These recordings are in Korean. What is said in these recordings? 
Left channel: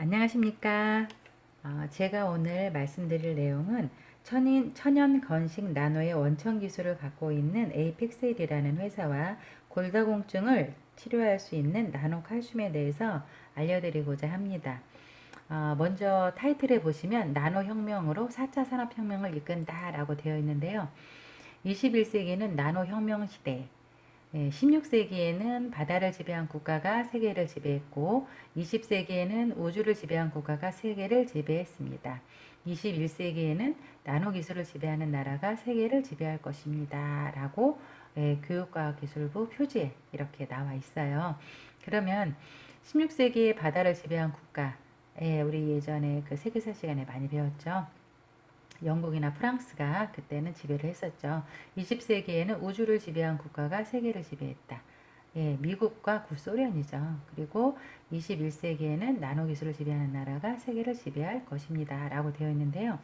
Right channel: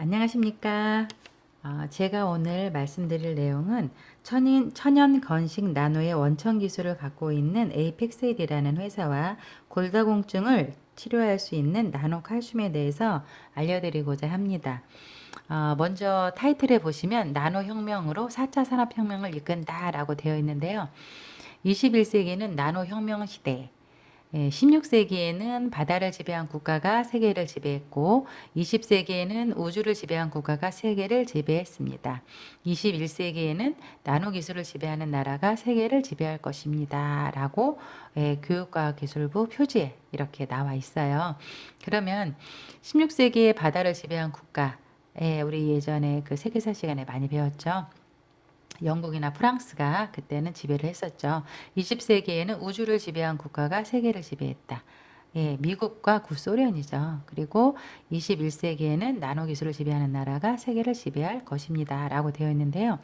안녕하십니까. 제가 오늘 말씀드릴 내용은 천연 건식 나노의 원천 기술을 갖고 있는 에이펙셀이라는 회사와 골다공증을 치료할 수 있는 나노 칼슘에 대해서 알려드리고자 합니다. 먼저 타이틀에 보시면 나노 혁명으로 4차 산업혁명을 이끈다라고 되어 있는데요. 21세기는 나노 혁명 시대, 16세기에는 바다를 지배한 국가가 세계를 지배했고 20세기에는 우주를 지배한 국가가 세계를 지배했습니다. 21세기에는 나노 기술을 지배하는 나라가 세계를 지배할 것입니다. 라고 교육과학기술부 표지에 이렇게 나와 있어요. 그러면 16세기에 바다를 지배한 국가, 우리 예전에 그 세계사 시간에 많이 배웠죠. 영국이나 프랑스가 그때는 지배를 했었죠. 20세기에는 우주를 지배한 국가가 세계를 지배했다. 미국과 구소련이죠. 그리고 21세기에는 나노 기술을 지배하는 나라가 세계를 지배할 것입니다. 라고 되어 있는데요.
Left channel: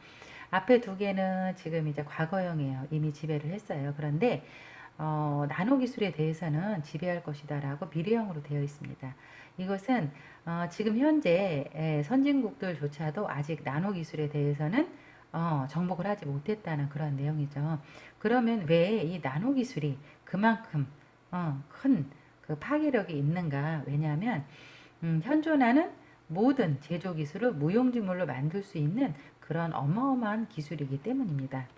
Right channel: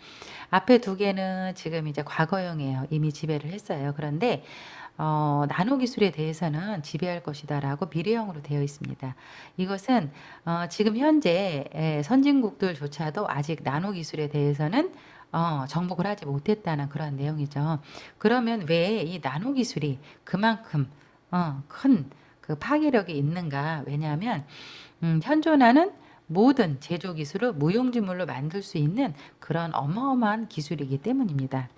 앞에 두 개는 지금 이제 과거형이에요. 이미 지배를 했어요. 그런데 나노 기술에 대해서는 지배할 것이다 라고 미래형으로 되어 있습니다. 이것은 지금 현재 선진국들조차도 아직 나노 기술에 대해서는 정복을 하지 못했다는 그런 내용이죠. 그러면 왜 이 나노 기술이 그만큼 큰 그 파괴력이 있는가? 왜냐하면 현존하는 모든 제조 기술을 무용지물로 만들 수 있는 그런 어마어마한 기술이기 때문입니다.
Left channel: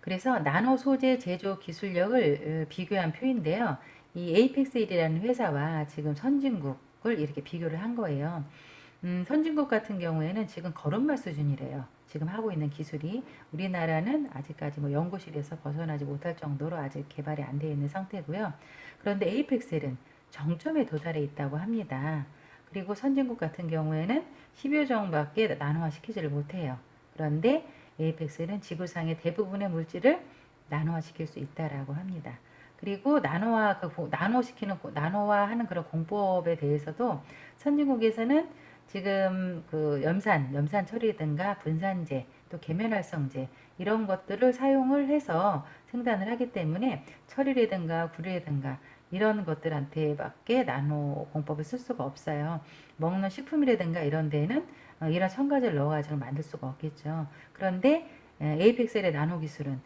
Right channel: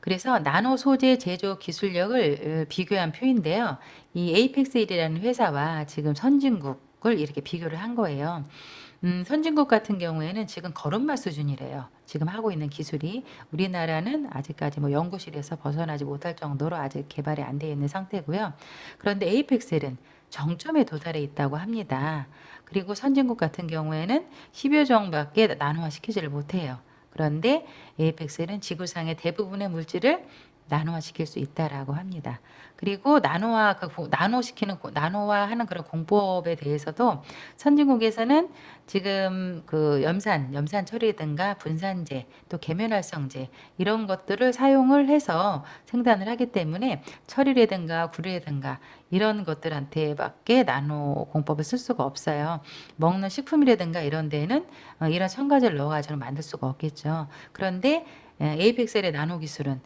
그래서 나노 소재 제조 기술력을 비교한 표인데요. 이 에이펙스일이라는 회사와 지금 선진국을 이렇게 비교를 한 거예요. 선진국 같은 경우에는 지금 걸음마 수준이래요. 지금 하고 있는 기술이 우리나라는 아직까지 뭐 연구실에서 벗어나지 못할 정도로 아직 개발이 안 되어 있는 상태고요. 그런데 에이펙셀은 정점에 도달해 있다고 합니다. 그리고 선진국 같은 경우에는 10여 종밖에 나노화시키지를 못해요. 그런데 에이펙셀은 지구상의 대부분의 물질을 나노화시킬 수 있다라고 합니다. 그리고 나노화하는 그런 공법에 대해서도 선진국에서는 지금 그 염산 처리든가 분산제, 또 계면활성제 이런 것들을 사용을 해서 생산을 하기 때문에 철이라든가 구리라든가 이런 것들한테밖에 나노 공법을 쓸 수가 없어요. 먹는 식품이라든가 이런 데는 이런 첨가제를 넣어가지고 만들 수가 없겠죠. 그런데 에이펙셀의 나노 기술은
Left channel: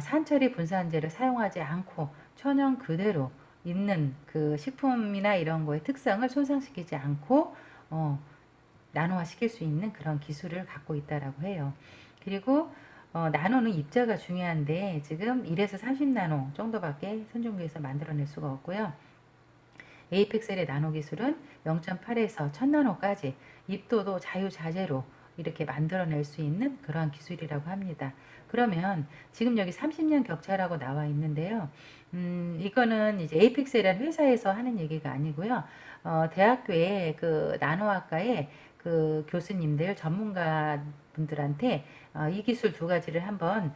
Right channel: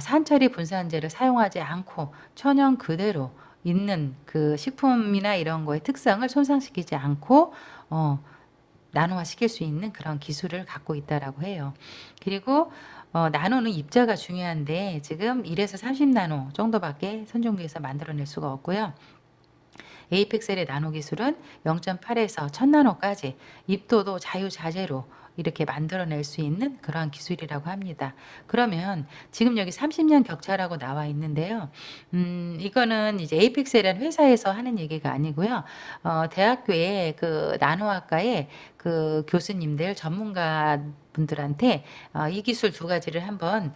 산처리 분산제를 사용하지 않고 천연 그대로 있는 그 식품이나 이런 거의 특성을 손상시키지 않고 나노화 시킬 수 있는 그런 기술을 갖고 있다라고 해요. 그리고 나노는 입자가 중요한데 지금 1에서 30나노 정도밖에 선종기에서 만들어낼 수가 없고요. 에이펙셀의 나노 기술은 0.8에서 1000나노까지 입도도 자유자재로 이렇게 만들어낼 수 있는 그러한 기술이라고 합니다. 그러면 지금 여기 30년 격차라고 나와 있는데요. 이거는 이제 에이펙셀이라는 회사에서 하는 얘기가 아니고요. 대학교의 그 나노학과의 그 교수님들 전문가 분들한테 이 기술 두 가지를 한번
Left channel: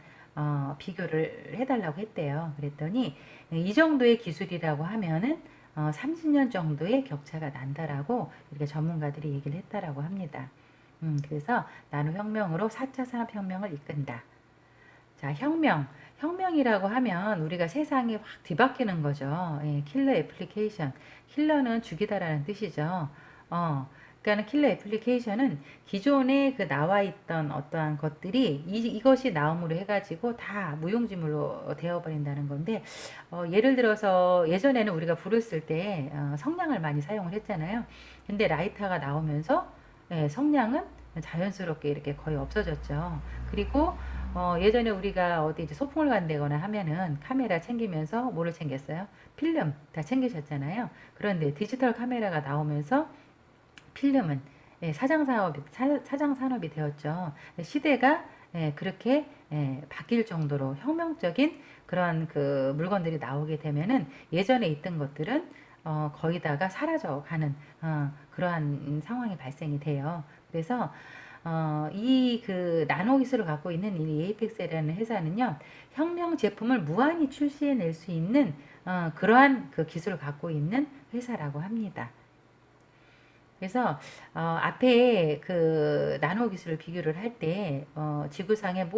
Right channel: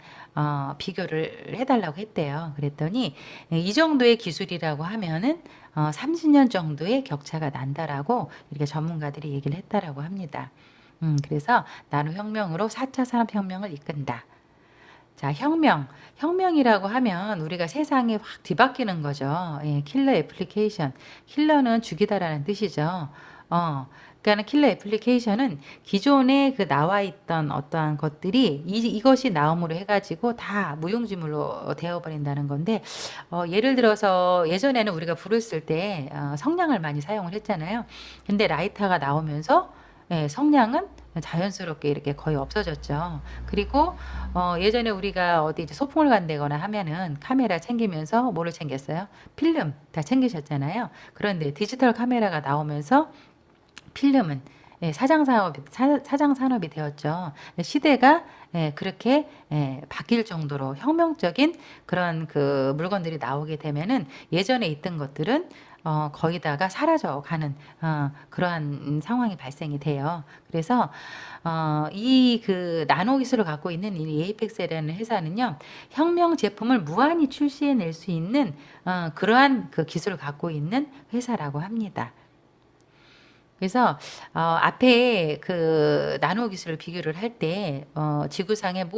비교를 해달라고 했대요. 그랬더니 이 정도의 기술이라고 하면은 30년 정도의 격차가 난다라고 이렇게 전문가들이 얘기를 했다라고 합니다. 그래서 나노혁명으로 4차 산업혁명을 이끈다. 자, 혁명이라고 하면 우리가 세상이 확 뒤바뀌는 거죠. 킬러 애플리케이션. 킬러는 죽이다라는 뜻이죠. 그러니까 킬러 애플리케이션은 기존에 그 나와 있던 어떠한 것들이 이것이 나옴으로 해가지고 다 무용지물로 되어버린다는 건데, 예를 들어서 예전에는 우리가 불을 쓸 때 성냥을 많이 사용을 했잖아요. 근데 라이터가 나오면서 성냥은 자연스럽게 이렇게 거의 없어졌죠. 그리고 예전에 우리가 어디 이제 소풍을 간다거나 하면은 카메라 챙기면서 뭐를 챙겼어요? 필름 다 챙기셨잖아요. 그런데 디지털 카메라가 나오면서 필름은 사장 산업이 되었죠. 시대가 그렇게 바뀔 정도로 혁명적인 그런 그 물건들이 나오게 되면은 예전에 있던 것들은 거의 다가 사라져 가는 그러한 상황이 발생이 돼요. 그래서 이 그 나노 기술을 갖고 있는 이 에이펙스라는 회사는요, 혁명 제품을 무한히 출시해낼 수 있는 그러한 그 기술을 갖고 있는 회사라고 합니다. 그래서 앞에 그 나노 기술을 비교를 할 때 지구상의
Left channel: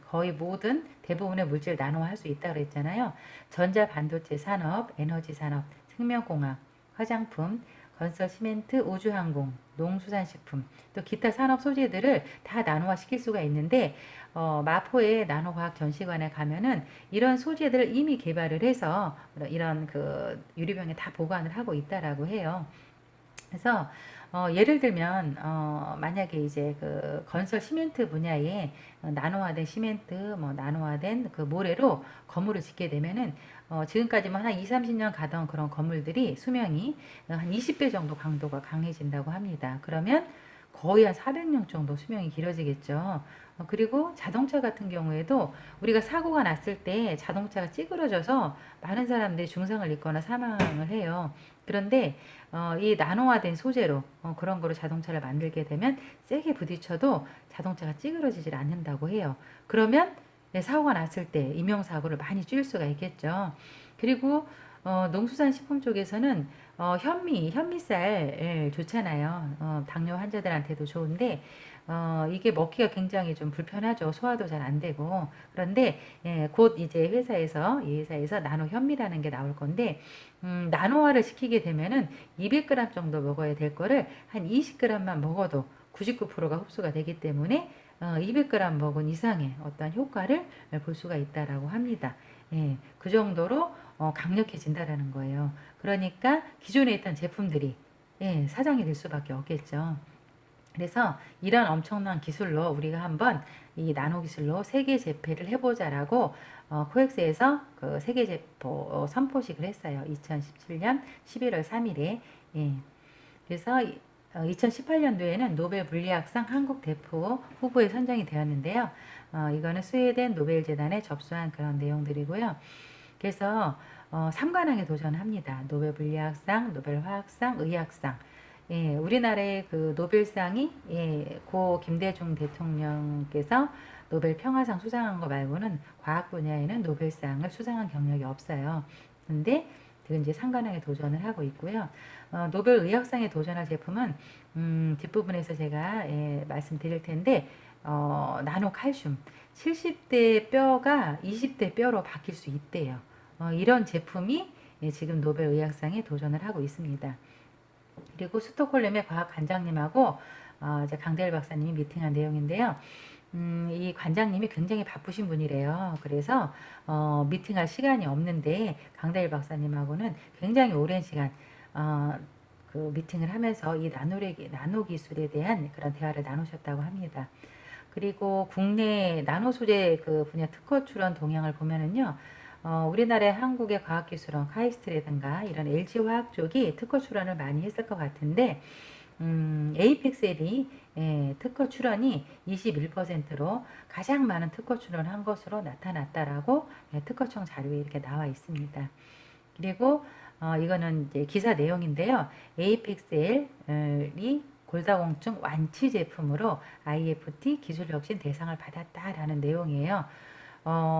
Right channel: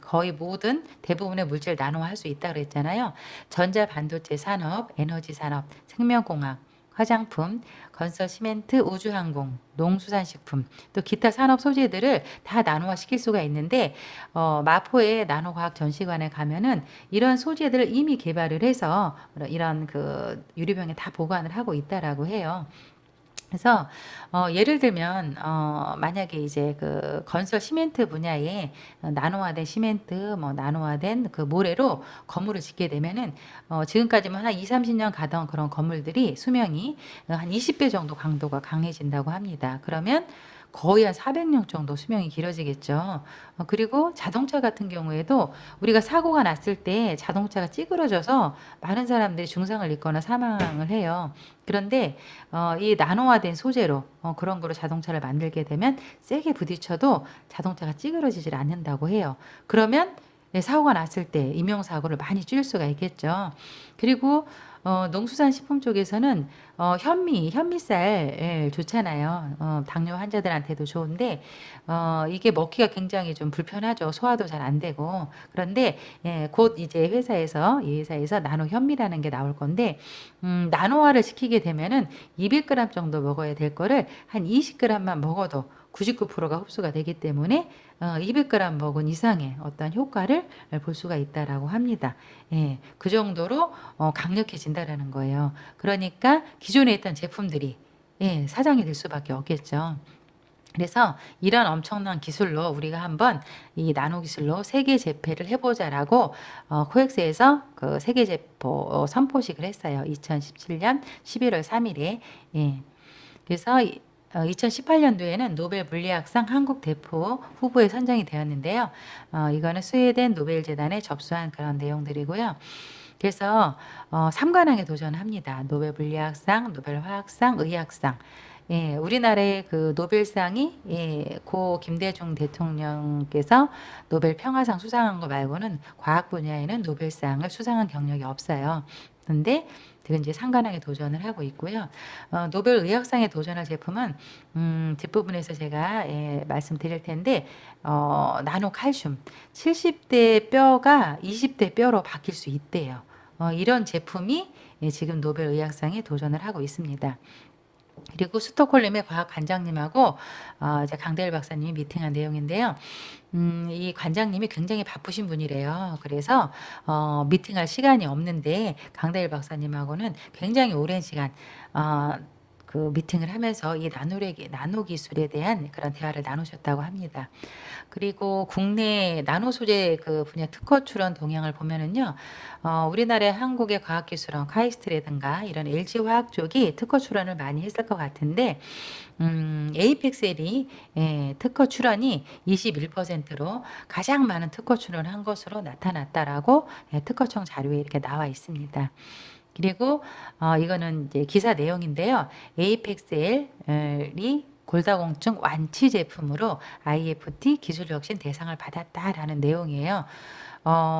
거의 모든 대부분의 물질 나노화할 수 있다 그랬잖아요. 전자 반도체 산업, 에너지 산업, 생명공학, 화장품, 건설 시멘트, 우주항공, 농수산식품, 또 기타 산업 소재들을 다 나노화 시킬 수가 있는데, 마포의 나노과학 전시관에 가면은 이런 소재들을 이미 개발을 해서 이런 그 유리병에 다 보관을 하고 있다라고 해요. 그래서 예를 들면 만약에 이제 그 건설 시멘트 분야에 나노화된 시멘트, 뭐 나노화된 그 모래로 건물을 짓게 되면은 지금까지만 한 2, 30년 가던 그런 건물들이 수명이 한 20배 정도 강도가 강해진다고 합니다. 그러면 거의 한 400년 정도 수명이 길어지겠죠. 그리고 자동차 같은 경우에도 우리가 사고가 났을 때 자동차가 찌그러져서 많은 사람들이 중상을 입거나 사망을 해요. 그런데 이 나노화된 소재로 그런 거로 자동차를 만들게 되면 세게 부딪혀도 자동차가 찌그러지질 않는다고 해요. 그러면 네, 사고가 났을 때 인명사고를 많이 줄일 수가 있겠죠. 그리고 농수산식품 쪽에서는 현미쌀 예, 좋잖아요. 당뇨 환자들한테도 좋은데 이게 먹기가 굉장히 좀 불편하죠. 소화도 잘 안 되고. 그런데 예, 곧 이제 이 회사에서 나노 현미라는 게 나올 건데 나노화를 시키게 되면은 200g 정도 먹어야 될 거를 한 20g만 먹어도 99%가 흡수가 되기 때문에 200g 먹은 이상의 어떤 효과를 볼 수가 있다라고 합니다. 예, 그 정도로 강력해진다라는 거예요. 그러니까 기존에 있던 제품들이 예, 사장이 될 수밖에 없겠죠. 그래서 이런 엄청난 기술로 우리가 한번 이 나노 기술로 세계 재패를 해보자라고 코엑스에서 그 세계 재포 선포식을 했어요. 2017년 11월 3일에. 예. 그래서 2018년도에는 노벨 물리학상 한국 대표 후보에 선정이 되었는데요. 이거는 스웨덴 노벨 재단에 접수한 그런 내용들이고요. 그래서 3관왕에 도전합니다. 노벨 물리학상, 노벨 화학상, 의학상. 예, 우리나라의 그 노벨상이 예, 고 김대중 대통령께서 노벨 평화상 수상한 거 말고는 과학 분야에는 노벨상을 수상한 경력이 없어요. 근데 지금 이제 상관왕에 도전을 하고 있고요. 노벨 의학상에 도전할 제품은 뒷부분에서 제가 예, 말씀드릴 텐데 나노 칼슘 70대 뼈가 20대 뼈로 바뀔 수 있대요. 이런 제품이 예, 지금 노벨 의학상에 도전을 하고 있습니다. 그리고 스톡홀름의 과학 관장님하고 이제 강대일 박사님이 미팅한 내용인데요. 이 관장님이 굉장히 바쁘신 분이래요. 그래서 미팅할 시간이 없는데 강대일 박사님하고는 굉장히 오랜 시간 그 미팅을 하면서 이 나노 기술에 대한 그런 대화를 나누셨다고 합니다. 그리고 국내 나노 소재 그 분야 특허 출원 동향을 보면은요. 우리나라의 한국의 과학기술원 카이스트라든가 이런 LG화학 쪽이 특허 출원을 많이 했을 것 같은데 에이펙셀이 예, 특허 출원이 21%로 가장 많은 특허 출원을 한 것으로 나타났다라고 예, 특허청 자료에 이렇게 나와 있습니다. 그리고 이거는 이제 기사 내용인데요. 에이펙셀이 골다공증 완치 제품으로 IFT 기술혁신 대상을 받았다라는 내용이에요.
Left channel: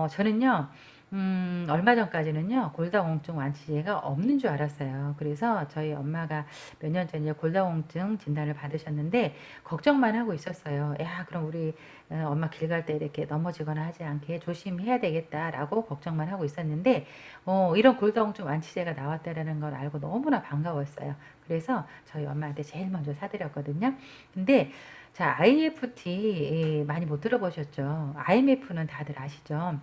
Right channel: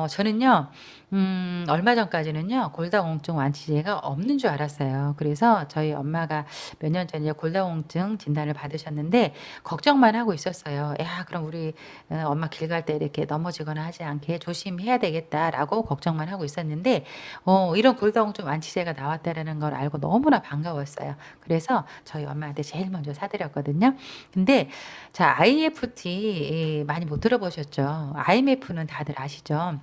저는요, 얼마 전까지는요, 골다공증 완치제가 없는 줄 알았어요. 그래서 저희 엄마가 몇 년 전에 골다공증 진단을 받으셨는데, 걱정만 하고 있었어요. 야, 그럼 우리 엄마 길 갈 때 이렇게 넘어지거나 하지 않게 조심해야 되겠다라고 걱정만 하고 있었는데, 이런 골다공증 완치제가 나왔다라는 걸 알고 너무나 반가웠어요. 그래서 저희 엄마한테 제일 먼저 사드렸거든요. 근데, 자, IFT 많이 못 들어보셨죠? IMF는 다들 아시죠?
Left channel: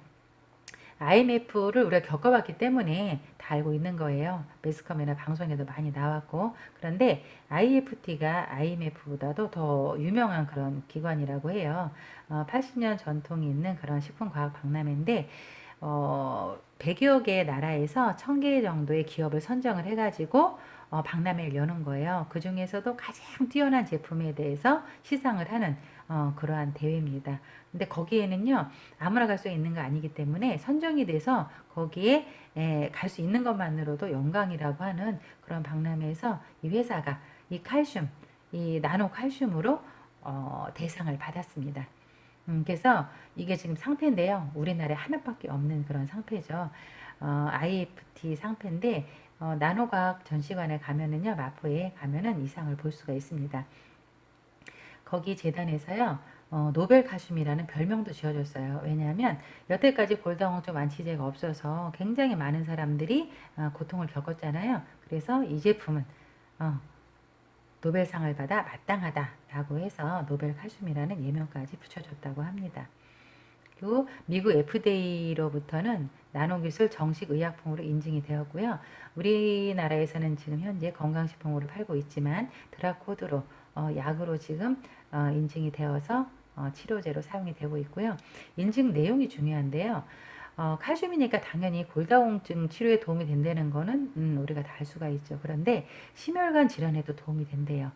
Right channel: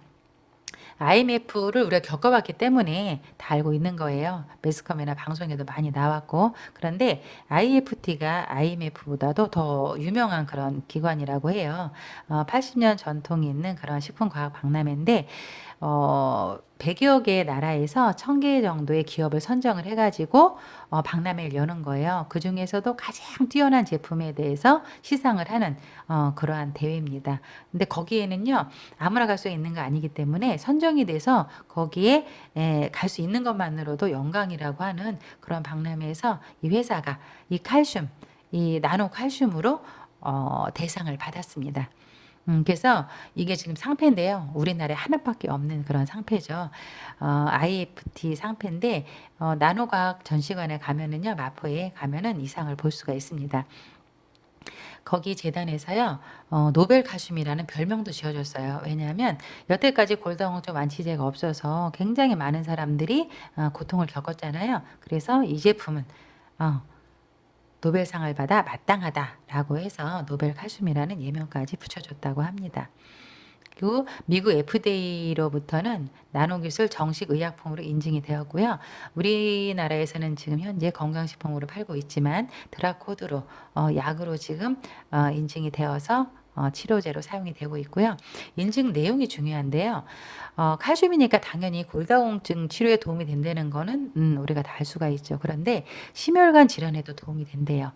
IMF를 우리가 겪어봤기 때문에 다 알고 있는 거예요. 매스컴이나 방송에도 많이 나왔고. 그런데 IFT가 IMF보다도 더 유명한 그런 기관이라고 해요. 80년 전통이 있는 그런 식품과학 박람회인데, 100여 개 나라에서 1000개 정도의 기업을 선정을 해가지고 박람회를 여는 거예요. 그 중에서도 가장 뛰어난 제품에 대해서 시상을 하는 그러한 대회입니다. 근데 거기에는요, 아무나 갈 수 있는 거 아니기 때문에 선정이 돼서 거기에 갈 수 있는 것만으로도 영광이라고 하는 그런 박람회에서 이 회사가 이 칼슘, 이 나노 칼슘으로 대상을 받았습니다. 그래서 이게 지금 상패인데요. 우리나라에 하나밖에 없는 그런 상패죠. IFT 상패인데, 나노과학 전시관에 가면은요, 마포에 가면은 이 상을 볼 수가 있습니다. 거기 재단에서요. 노벨 칼슘이라는 별명도 지어줬어요. 왜냐하면 여태까지 골다공증 완치제가 없어서 굉장히 많은 사람들이 고통을 겪었잖아요. 그래서 이 제품은 어, 노벨상을 받아 마땅하다라고 해서 노벨 칼슘이라는 예명까지 붙여줬다고 합니다. 그리고 미국 FDA로부터는 나노기술 정식 의약품으로 인증이 되었고요. 우리나라에서는 지금 현재 건강식품으로 팔고 있지만 드라코드로 약으로 지금 인증이 되어서 치료제로 사용이 되고 있고요. 인증 내용이 중요한데요. 칼슘이니까 당연히 골다공증 치료에 도움이 된다는 거는 우리가 다 알 수가 있죠. 그런데 심혈관 질환에도 도움이 된대요.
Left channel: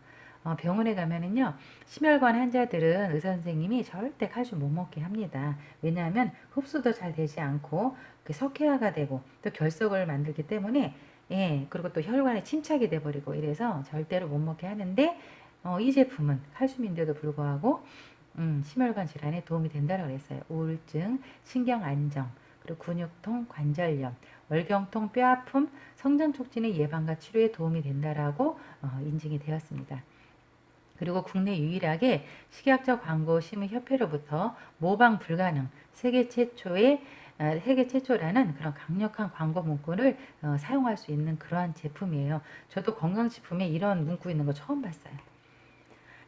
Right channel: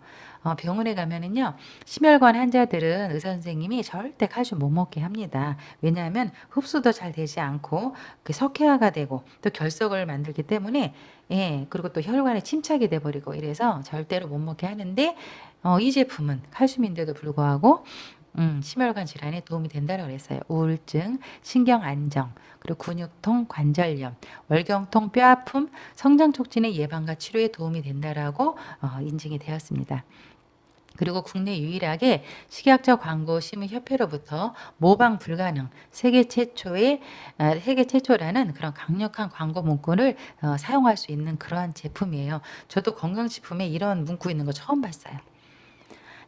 병원에 가면은요, 심혈관 환자들은 의사 선생님이 절대 칼슘 못 먹게 합니다. 왜냐하면 흡수도 잘 되지 않고 그 석회화가 되고 또 결석을 만들기 때문에 예, 그리고 또 혈관에 침착이 돼버리고 이래서 절대로 못 먹게 하는데 이 제품은 칼슘인데도 불구하고 심혈관 질환에 도움이 된다고 그랬어요. 우울증, 신경 안정, 그리고 근육통, 관절염, 월경통, 뼈아픔, 성장 촉진의 예방과 치료에 도움이 된다라고 인증이 되었습니다. 그리고 국내 유일하게 식약처 광고 심의 협회로부터 모방 불가능 세계 최초라는 그런 강력한 광고 문구를 사용할 수 있는 그러한 제품이에요. 저도 건강식품에 이런 문구 있는 거 처음 봤어요.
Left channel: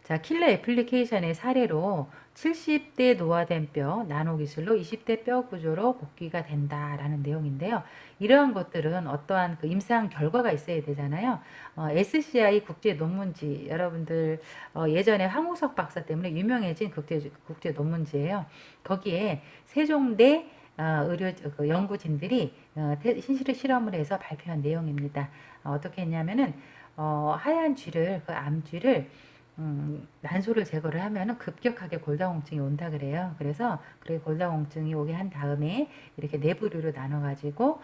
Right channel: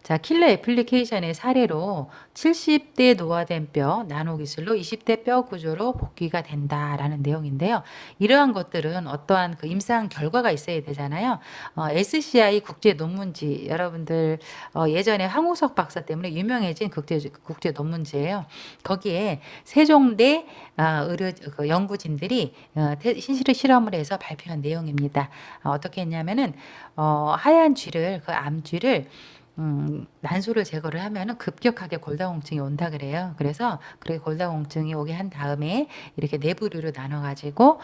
자, 킬러 애플리케이션의 사례로 70대 노화된 뼈, 나노 기술로 20대 뼈 구조로 복귀가 된다라는 내용인데요. 이러한 것들은 어떠한 그 임상 결과가 있어야 되잖아요. SCI 국제 논문지, 여러분들 예전에 황우석 박사 때문에 유명해진 국제 논문지예요. 거기에 세종대 그 연구진들이 실험을 해서 발표한 내용입니다. 어떻게 했냐면은 하얀 쥐를 그 암쥐를 난소를 제거를 하면은 급격하게 골다공증이 온다 그래요. 그래서 그렇게 골다공증이 오게 한 다음에 이렇게 내부류로 나눠가지고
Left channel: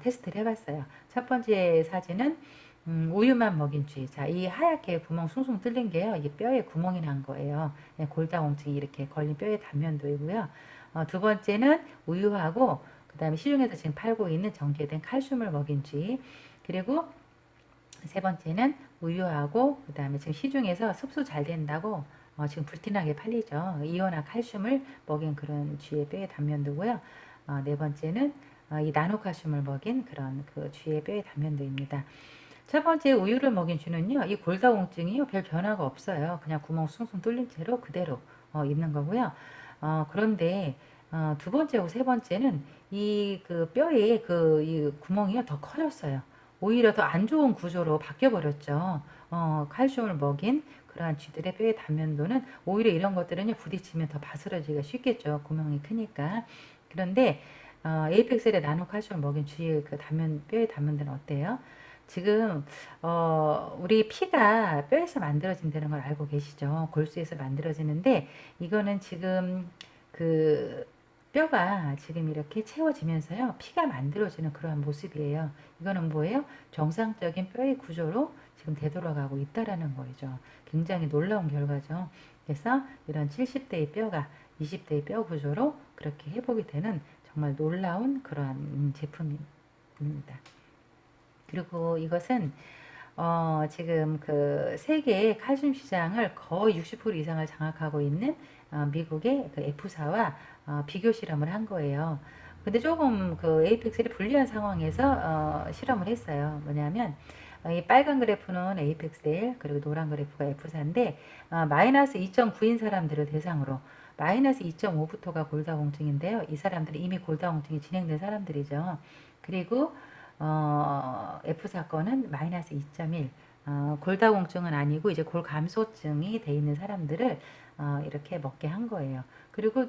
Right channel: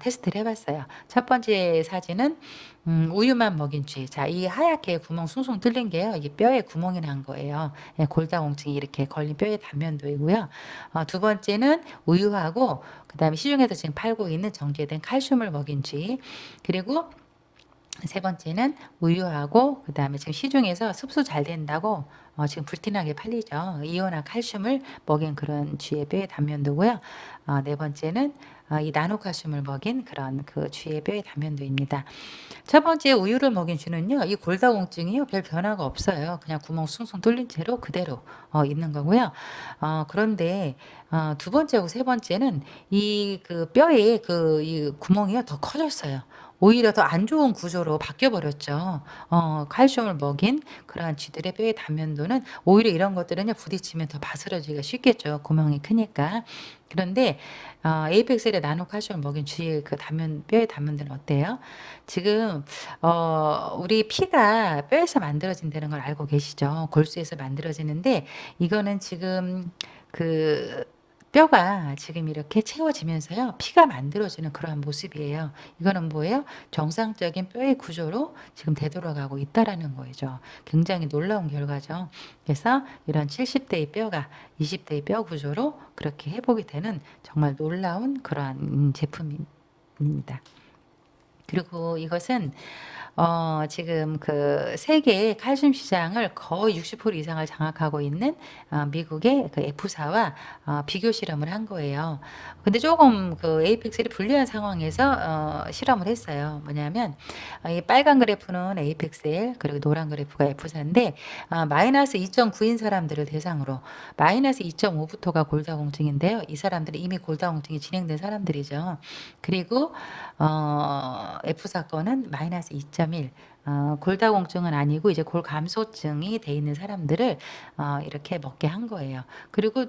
테스트를 해봤어요. 첫 번째 사진은 우유만 먹인 쥐. 자, 이 하얗게 구멍 숭숭 뚫린 게요. 이게 뼈에 구멍이 난 거예요. 예, 골다공증이 이렇게 걸린 뼈의 단면도이고요. 두 번째는 우유하고 그다음에 시중에서 지금 팔고 있는 정제된 칼슘을 먹인 쥐. 그리고 세 번째는 우유하고 그다음에 지금 시중에서 흡수 잘 된다고 지금 불티나게 팔리죠. 이온화 칼슘을 먹인 그런 쥐의 뼈의 단면도고요. 네 번째는 이 나노칼슘을 먹인 그런 그 쥐의 뼈의 단면도입니다. 첫 번째 우유를 먹인 쥐는요, 이 골다공증이요, 별 변화가 없어요. 그냥 구멍 숭숭 뚫린 채로 그대로 있는 거고요. 그런데 두 번째하고 세 번째는 이 그 뼈에 그 이 구멍이요 더 커졌어요. 오히려 더 안 좋은 구조로 바뀌어 버렸죠. 칼슘을 먹인 그러한 쥐들의 뼈의 단면도는 오히려 이런 것들은요 부딪히면 더 바스러지기가 쉽겠죠. 구멍이 크니까. 그런데 에이펙셀의 나노 칼슘을 먹인 쥐의 그 단면 뼈의 단면도는 어때요? 지금 우리 피가 뼈에서 만들어진다는 걸 알고 계시죠? 골수에서 만들어지는데 이거는 지금 그 뼈가 지금 이렇게 채워지면서요. 피가 만들어지는 그러한 모습이에요. 이거는 뭐예요? 정상적인 뼈의 구조로 지금 되돌아가고 있다라는 거죠. 굉장히 놀라운 결과죠. 그래서 이런 70대의 뼈가 20대의 뼈 구조로 그렇게 회복이 되는 정말 놀라운 그러한 제품입니다. 그리고 이것은 지금 그 세계의 칼슘 시장을 거의 60% 이상을 장악하고 있는 미국의 그 F사와 비교 실험을 한 거예요. 근데 조금 그 에이펙스를 불리한 상황에서 실험을 했어요. 뭐냐면 이 빨간 그래프는 에이펙셀 그리고 노란 그래프가 F사인데 마이너스 2.9인 사람들을 대상으로 마이너스 2.5부터가 골다공증인데요. 이 사람들은 이미 골다공증이 진행된 사람들이죠. 그리고 F 사건은 마이너스 2.1. 골다공증은 아니고 이제 골감소증이 돼 있는 사람들을 이렇게 먹게 한 거예요. 그리고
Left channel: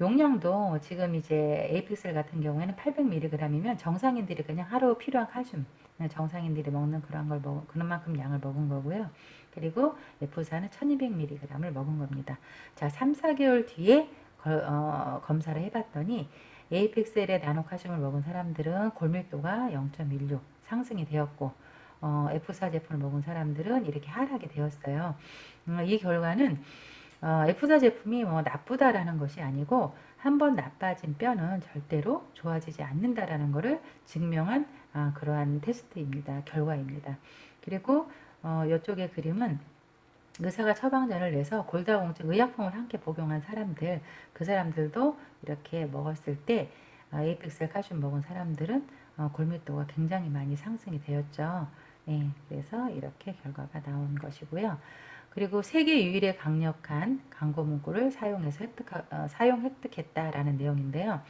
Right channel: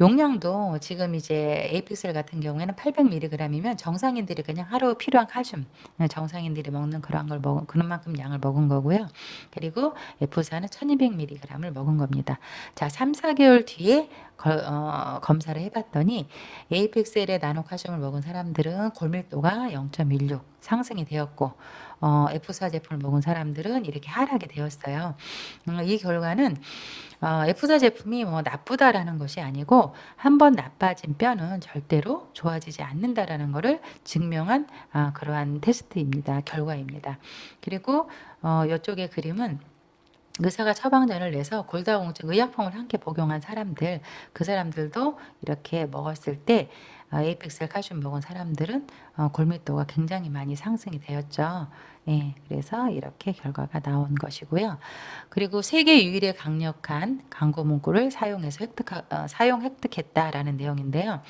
용량도 지금 이제 에이픽셀 같은 경우에는 800mg이면 정상인들이 그냥 하루 필요한 칼슘, 정상인들이 먹는 그런 걸 먹은 그런 만큼 양을 먹은 거고요. 그리고 F사는 1200mg을 먹은 겁니다. 자, 3, 4개월 뒤에 검사를 해봤더니 에이펙셀의 나노칼슘을 먹은 사람들은 골밀도가 0.16 상승이 되었고 F사 제품을 먹은 사람들은 이렇게 하락이 되었어요. 이 결과는 F사 제품이 뭐 나쁘다라는 것이 아니고 한번 나빠진 뼈는 절대로 좋아지지 않는다라는 것을 증명한 그러한 테스트입니다. 결과입니다. 그리고 이쪽의 그림은 의사가 처방전을 내서 골다공증 의약품을 함께 복용한 사람들, 그 사람들도 이렇게 먹었을 때 에이펙스를 칼슘 먹은 사람들은 골밀도가 굉장히 많이 상승이 되었죠. 예, 그래서 이렇게 결과가 나온 것이고요. 그리고 세계 유일의 강력한 광고 문구를 사용 획득했다라는 내용인데요.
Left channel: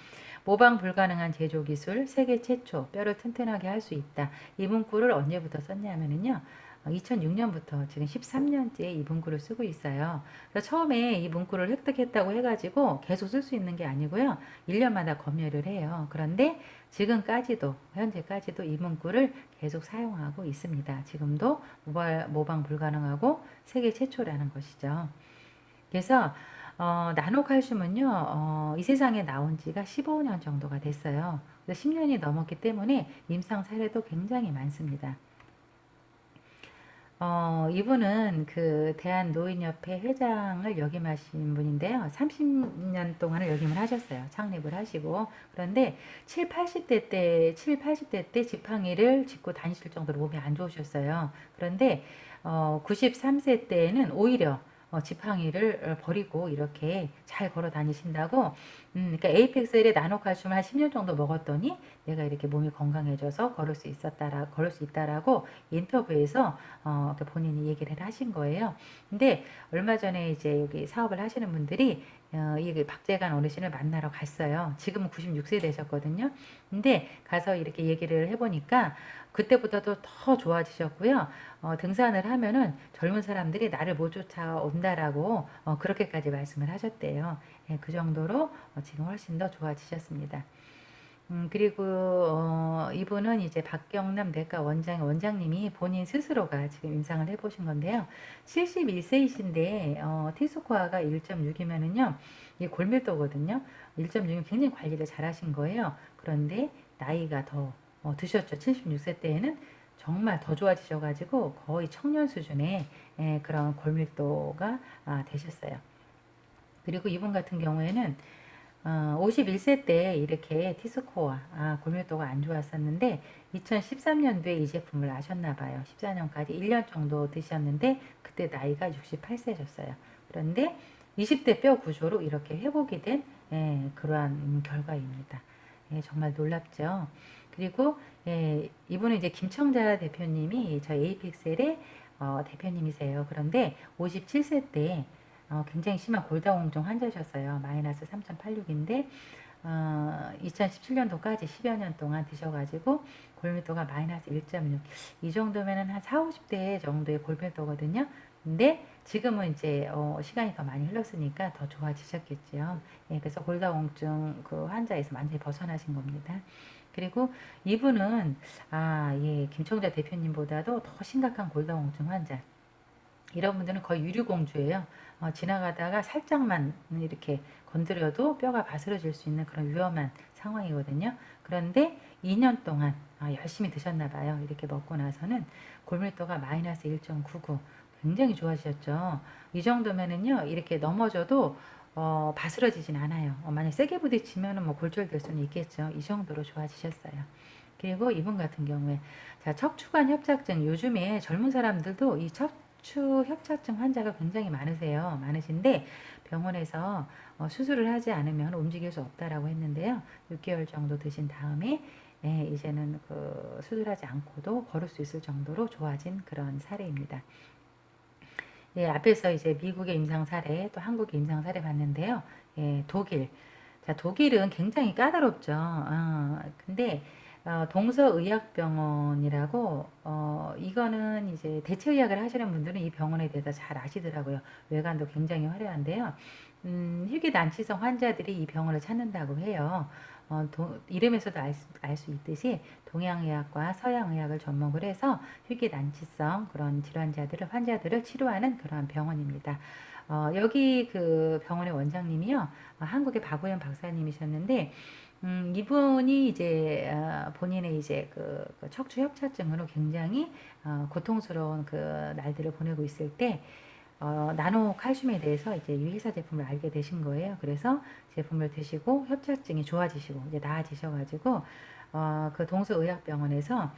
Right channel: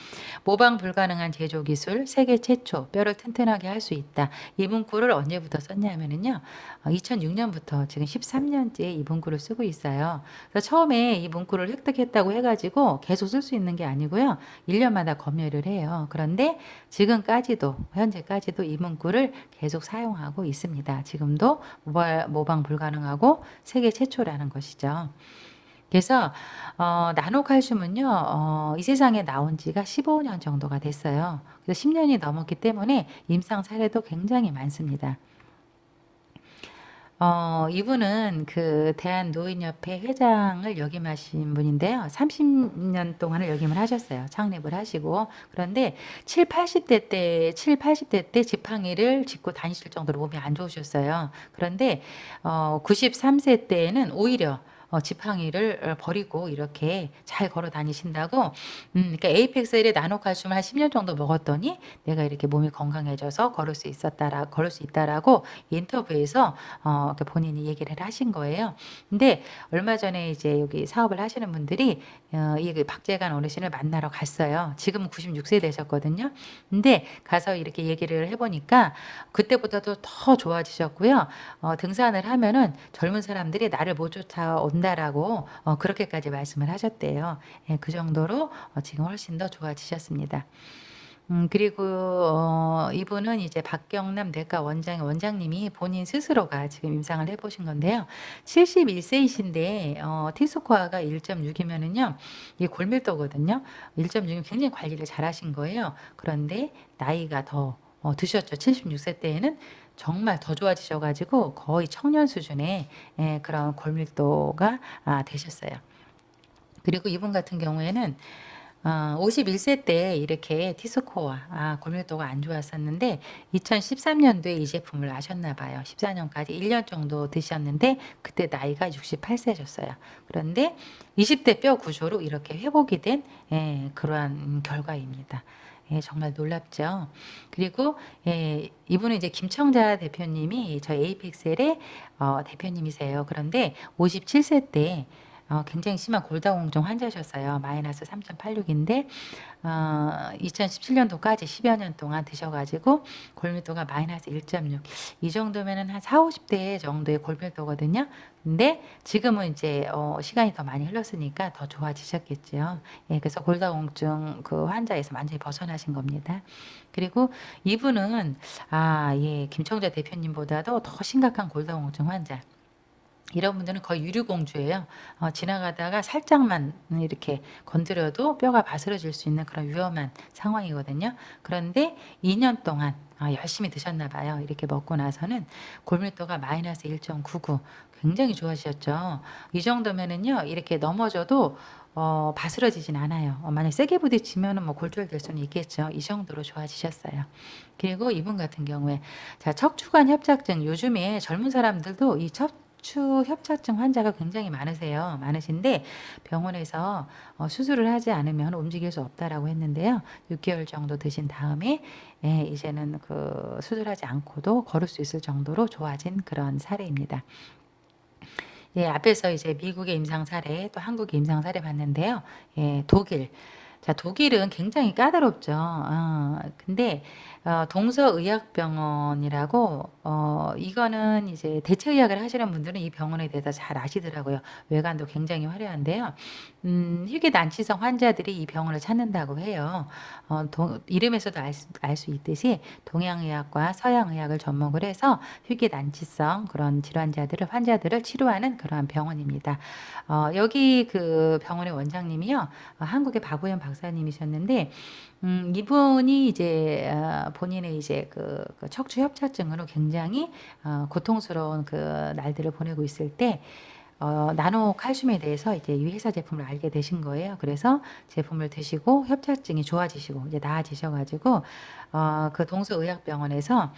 모방 불가능한 제조 기술, 세계 최초, 뼈를 튼튼하게 할 수 있다. 이 문구를 언제부터 썼냐면은요. 2006년부터 지금 13년째 이 문구를 쓰고 있어요. 그래서 처음에 이 문구를 획득했다고 해가지고 계속 쓸 수 있는 게 아니고요. 1년마다 검열을 해요. 그런데 지금까지도, 현재까지도 이 문구를 계속 사용하고 있습니다. 지금도 모방 불가능하고 세계 최초라는 것이죠. 그래서 나노칼슘은요, 이 세상에 나온 지가 15년 정도가 됐어요. 그래서 10년이 넘었기 때문에 임상 사례도 굉장히 많습니다. 이분은 그 대한노인협회 회장을 역임하신 분인데요. 30년 동안을 역임을 하셨어요. 창립을 하시고. 그런데 80대 때 지팡이를 짚고 다니실 정도로 몸이 안 좋으셨어요. 그런데 93세 때에는 오히려 지팡이를 버리고 이렇게 잘 걸어 다니신다고. 그러니까 에이펙셀의 나노칼슘을 한 10년 정도 먹었더니 내가 이렇게 몸이 건강해져서 걸을 수 있다라고 인터뷰에서 이렇게 본인이 얘기를 하신 거예요. 근데 얼마 전에 이제 여기 사업을 하시는 분들이 이 박재간 어르신을 만나러 갔어요. 지금은 96세 되셨거든요. 근데 가서 이렇게 얘기를 해보니까 그때보다도 더 좋아지셨고요. 등산을 하면은 젊은 사람들이 나를 못 쫓아온다라고 그렇게까지 말씀을 하셨대요. 예, 그 정도로 지금 훨씬 더 좋아지셨습니다. 그리고 이분은 이제 박경남 내과 원장님이 본인 스스로가 지금 임상을 해보신 건데요. 71세이신데 T스코어가 1.6이면은요, 이게 골밀도거든요. 1.6이면 굉장히 관리를 잘하신 거예요. 그런데 나이가 더 드셨죠. 76세 때에는 정말 더 좋아지셔가지고 거의 청년 수준의 그런 골밀도가 되셨어요. 그리고 이분 같은 경우에는 51세 때 이렇게 T스코어, 골밀도가 안 좋았었는데 2013년도에 이 제품을 아셨나 봐요. 14년까지 1년 정도 드셨는데 그때 나이가 68세셨어요. 그런데 20대 뼈 구조로 이렇게 회복이 된 그러한 결과입니다. 예, 정말 놀랍죠. 그리고 이분은 이제 김청자 대표님이 저희 에이픽셀의 대표님이세요. 그런데 57세 때 굉장히 심한 골다공증 환자셨어요. 마이너스 3.86인데 2017년도까지 10여 년 동안 드셔가지고 골밀도가 마이너스 1.6. 이 정도면은 한 4, 50대 정도의 골밀도거든요. 근데 지금은 이제 시간이 더 많이 흘렀으니까 더 좋아지셨겠죠. 예, 그래서 골다공증 그 환자에서 완전히 벗어나신 겁니다. 그리고 이분은 예, 김청자 대표님보다도 더 심각한 골다공증 환자. 이런 분들은 거의 유류공주예요. 지나가다가 살짝만 이렇게 건드려도 뼈가 바스러질 수 있는 그런 위험한 상황이거든요. 그런데 2년 동안 열심히 드셨나 봐요. 이렇게 먹고 나서는 골밀도가 마이너스 1.99 굉장히 좋아지셨죠. 이 정도면은요, 이렇게 넘어져도 바스러지진 않아요. 만약 세게 부딪히면은 뭐 골절될 수는 있겠죠. 이 정도로 좋아지셨어요. 그리고 이분 같은 경우에 자, 척추관 협착증 요즘에 젊은 사람들도 이 척추 협착증 환자가 굉장히 많으신데 병원에서 수술을 하지 않으면 움직일 수 없다라고 했는데요. 6개월 정도 드신 다음에 이제는 그 수술하지 않고도 걸을 수 있을 정도로 좋아진 그런 사례입니다. 예, 앞에서 이제 미국의 임상 사례, 또 한국의 임상 사례 봤는데요. 예, 독일. 자, 독일은 굉장히 까다롭죠. 근데 동서의학병원이라고 이거는 이제 대체의학을 하시는 분들은 이 병원에 대해서 잘 아시더라고요. 외관도 굉장히 화려한데요. 희귀난치성 환자들이 이 병원을 찾는다고 해요. 이름에서도 알 수 있듯이 동양의학과 서양의학을 접목을 해서 희귀난치성 그런 환자들을 치료하는 그러한 병원입니다. 여기 그 병원의 원장님이요, 한국의 박우현 박사님이셨는데, 이분이 이제 본인의 이제 그 척추 협착증으로 굉장히 고통스러운 그 날들을 보내고 있을 때 나노 칼슘에 대해서 이제 이 회사 제품을 알게 되신 거예요. 그래서 제품을 드시고 협착증이 좋아지시고 이제 나아지셔가지고 그 동서의학병원에서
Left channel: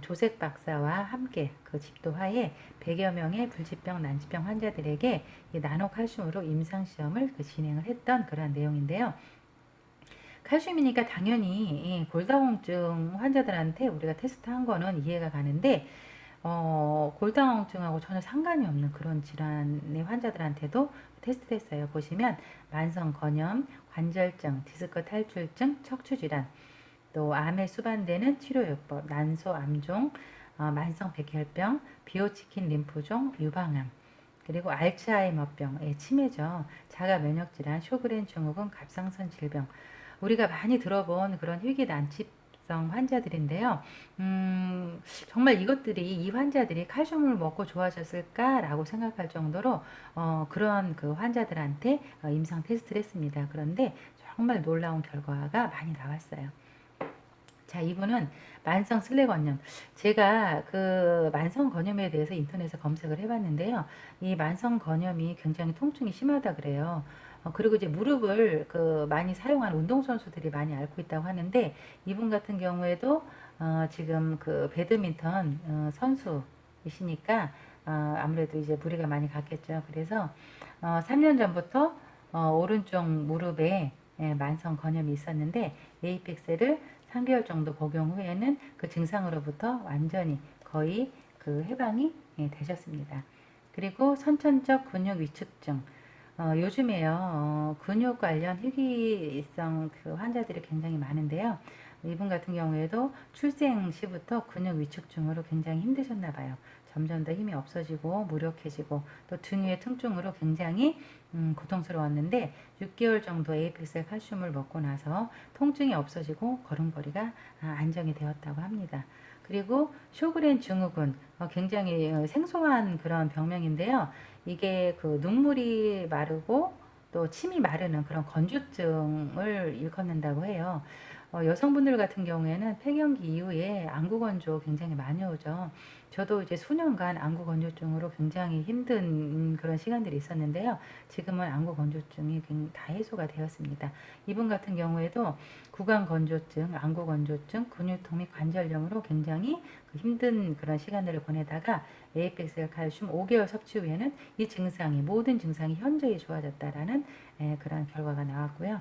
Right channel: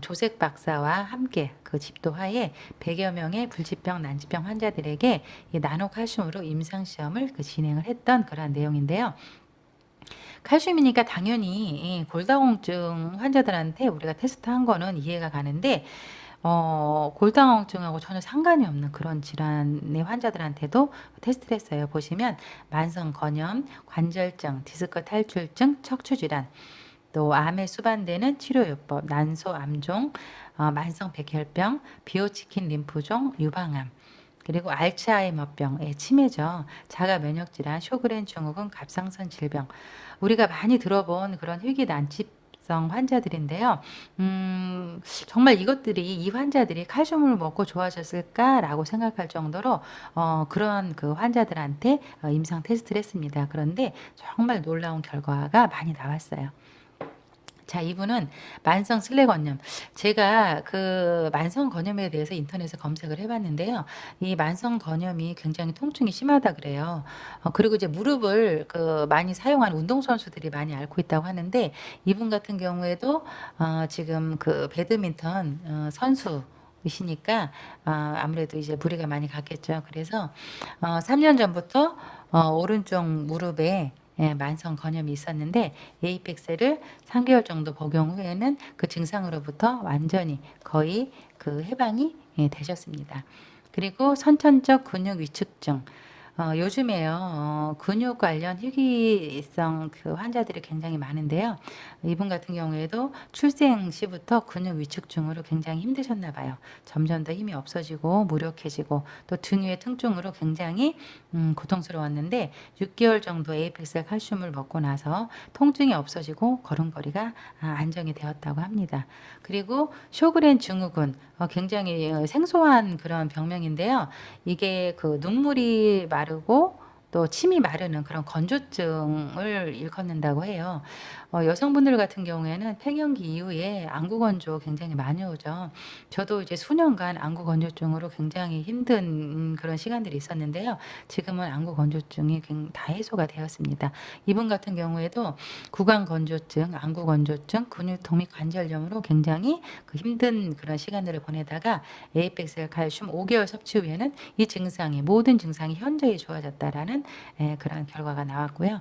조색 박사와 함께 그 집도하에 100여 명의 불치병, 난치병 환자들에게 이 나노칼슘으로 임상시험을 진행을 했던 그런 내용인데요. 칼슘이니까 당연히 이 골다공증 환자들한테 우리가 테스트한 거는 이해가 가는데 골다공증하고 전혀 상관이 없는 그런 질환의 환자들한테도 테스트를 했어요. 보시면 만성 건염, 관절증, 디스크 탈출증, 척추질환, 또 암에 수반되는 치료요법, 난소 암종, 만성 백혈병, 비호치킨 림프종, 유방암, 그리고 알츠하이머병의 치매죠. 자가 면역질환, 쇼그렌 증후군, 갑상선 질병. 우리가 많이 들어본 그런 희귀난치성 환자들인데요. 정말 이것들이 이 환자들이 칼슘을 먹고 좋아졌을까라고 생각할 정도로 그런 그 환자들한테 임상 테스트를 했습니다. 그런데 정말 놀라운 결과가 많이 나왔어요. 자, 이분은 만성 슬래건염. 제가 그 만성 건염에 대해서 인터넷에 검색을 해봤는데요. 이 만성 건염이 굉장히 통증이 심하다 그래요. 그리고 이제 무릎을 그 많이 사용하는 운동선수들이 많이 앓고 있다고 하는데, 이분 같은 경우에도 지금 그 배드민턴 선수이시니까 아무래도 이제 무리가 많이 갔겠죠. 그래서 3년 전부터 오른쪽 무릎에 만성 건염이 있었는데 에이펙스를 3개월 정도 복용 후에는 그 증상으로부터 완전히 거의 그 해방이 되셨습니다. 그리고 선천적 근육 위축증. 요즘에요, 근육 관련 희귀성 그 환자들이 굉장히 많은데요. 이분 같은 경우에도 출생 시부터 근육 위축증으로 굉장히 힘드셨나 봐요. 점점 더 힘이 없어지고 무력해지고 또 등 위의 통증으로 굉장히 고통스러웠는데 6개월 정도 에이펙셀 칼슘을 먹고 나서 통증이 없어지고 걸음걸이가 안정이 되었다고 합니다. 그리고 쇼그렌 증후군, 굉장히 생소한 그런 병명인데요. 이게 그 눈물이 마르고 또 침이 마르는 그런 건조증을 일컫는다고 해요. 여성분들 같은 경우에는 폐경기 이후에 안구 건조 굉장히 많이 오죠. 저도 이제 수년간 안구 건조증으로 굉장히 힘든 그런 시간들이 있었는데요. 지금은 안구 건조증이 다 해소가 되었습니다. 이분 같은 경우에도 구강 건조증, 안구 건조증, 근육통 및 관절염으로 굉장히 그 힘든 그런 시간들을 보내다가 에이펙셀 칼슘 5개월 섭취 후에는 이 증상이 모든 증상이 현저히 좋아졌다라는 그런 결과가 나왔고요.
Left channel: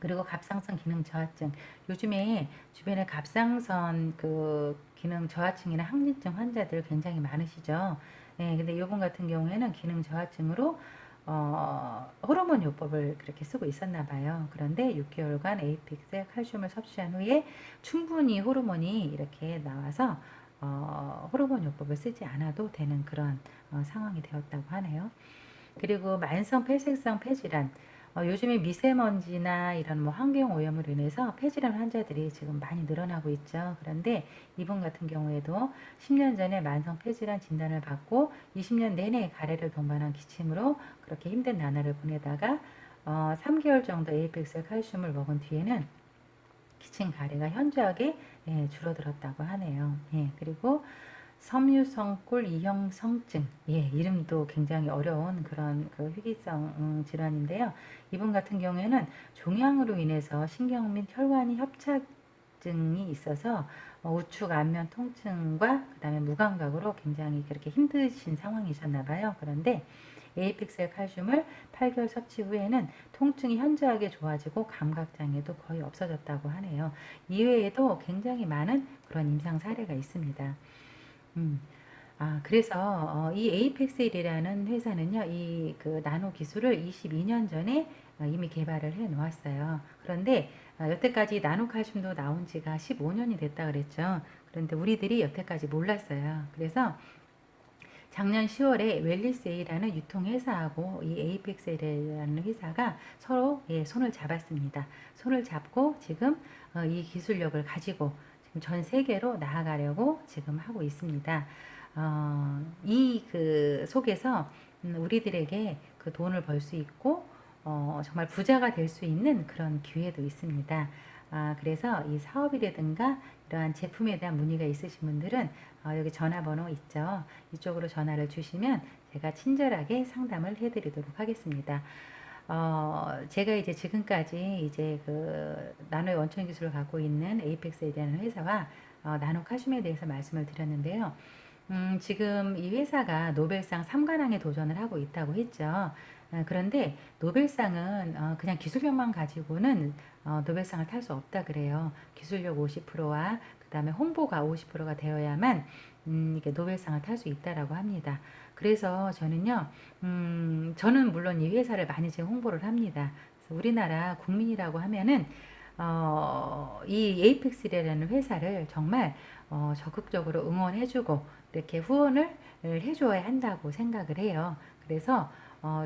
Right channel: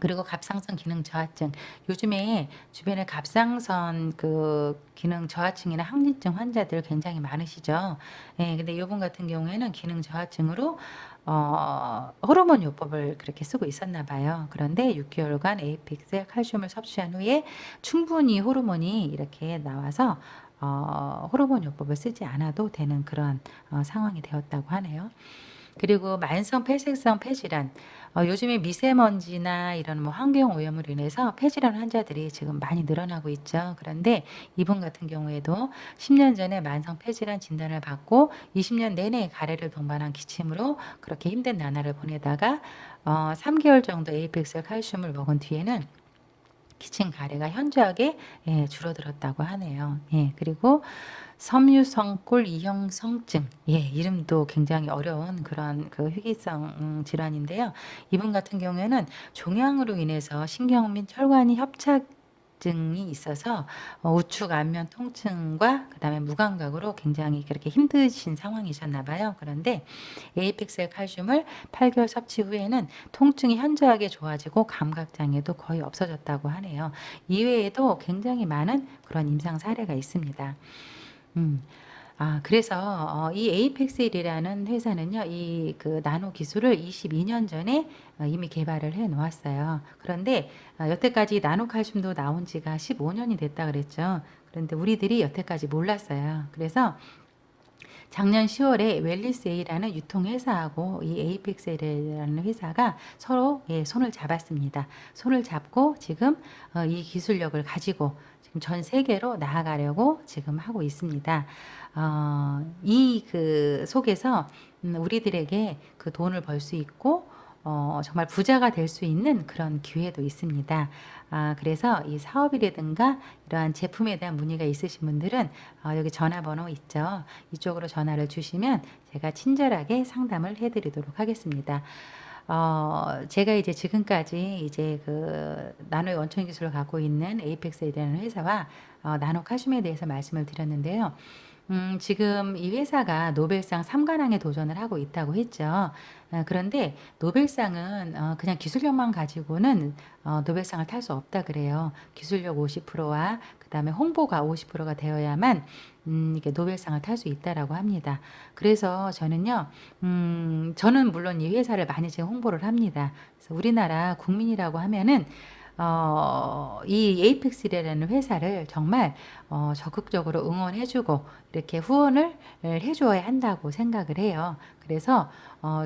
그리고 갑상선 기능 저하증. 요즘에 주변에 갑상선 그 기능 저하증이나 항진증 환자들 굉장히 많으시죠. 예, 근데 이분 같은 경우에는 기능 저하증으로 호르몬 요법을 그렇게 쓰고 있었나 봐요. 그런데 6개월간 에이픽셀 칼슘을 섭취한 후에 충분히 호르몬이 이렇게 나와서 호르몬 요법을 쓰지 않아도 되는 그런 상황이 되었다고 하네요. 그리고 만성 폐색성 폐질환. 요즘에 미세먼지나 이런 뭐 환경 오염으로 인해서 폐질환 환자들이 지금 많이 늘어나고 있죠. 그런데 이분 같은 경우에도 10년 전에 만성 폐질환 진단을 받고 20년 내내 가래를 동반한 기침으로 그렇게 힘든 나날을 보내다가 3개월 정도 에이펙셀 칼슘을 먹은 뒤에는 기침 가래가 현저하게 줄어들었다고 하네요. 예, 그리고 섬유성골 이형성증. 예, 이름도 굉장히 어려운 그런 그 희귀성 질환인데요. 이분 같은 경우에는 종양으로 인해서 신경 및 혈관이 협착증이 있어서 우측 안면 통증과 그다음에 무감각으로 굉장히 그렇게 힘드신 상황이셨나 봐요. 그런데 에이픽셀 칼슘을 8개월 섭취 후에는 통증이 현저하게 좋아지고 감각 장애도 거의 없어졌다고 하네요. 이외에도 굉장히 많은 그런 임상 사례가 있습니다. 음. 그래서 이 에이펙셀이라는 회사는요, 이 그 나노 기술을 22년 전에 이미 개발을 해 놓았어요. 그런데 여태까지 나노 칼슘도 나온 지가 15년이 됐다 그랬죠. 그런데 우리들이 여태까지 몰랐어요. 그래서 작년 10월에 웰리스A라는 유통회사하고 이 에이펙셀이라는 회사가 서로 손을 잡았습니다. 손을 잡고 지금 이 기술력을 가지고 지금 전 세계로 나아가려고 지금 하고 있습니다. 이 그 속에서 우리들에게 그 돈을 벌 수 있고 정말 부자가 될 수 있는 그런 기회도 있습니다. 그래서 이 사업이라든가 이러한 제품에 대한 문의가 있으신 분들은 여기 전화번호 있죠. 이쪽으로 전화를 주시면 제가 친절하게 상담을 해드리도록 하겠습니다. 제가 이제 지금까지 이제 그 나노의 원천 기술을 갖고 있는 에이펙스이라는 회사와 나노 카슘에 대해서 말씀을 드렸는데요. 지금 이 회사가 노벨상 3관왕에 도전을 하고 있다고 했죠. 그런데 노벨상은 그냥 기술력만 가지고는 노벨상을 탈 수 없다 그래요. 기술력 50%와 그다음에 홍보가 50%가 되어야만 이게 노벨상을 탈 수 있다라고 합니다. 그래서 저는 물론 이 회사를 많이 지금 홍보를 합니다. 그래서 우리나라 국민이라고 하면은 이 에이펙스라는 회사를 정말 적극적으로 응원해주고 이렇게 후원을 해주어야 한다고 생각을 해요. 그래서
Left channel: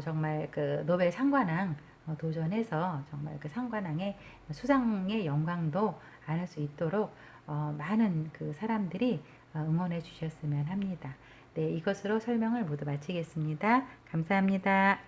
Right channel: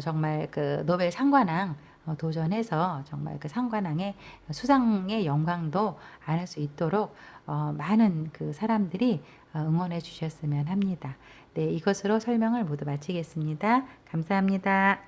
정말 그 노벨 상관왕 도전해서 정말 그 상관왕의 수상의 영광도 안을 수 있도록 많은 그 사람들이 응원해 주셨으면 합니다. 네, 이것으로 설명을 모두 마치겠습니다. 감사합니다.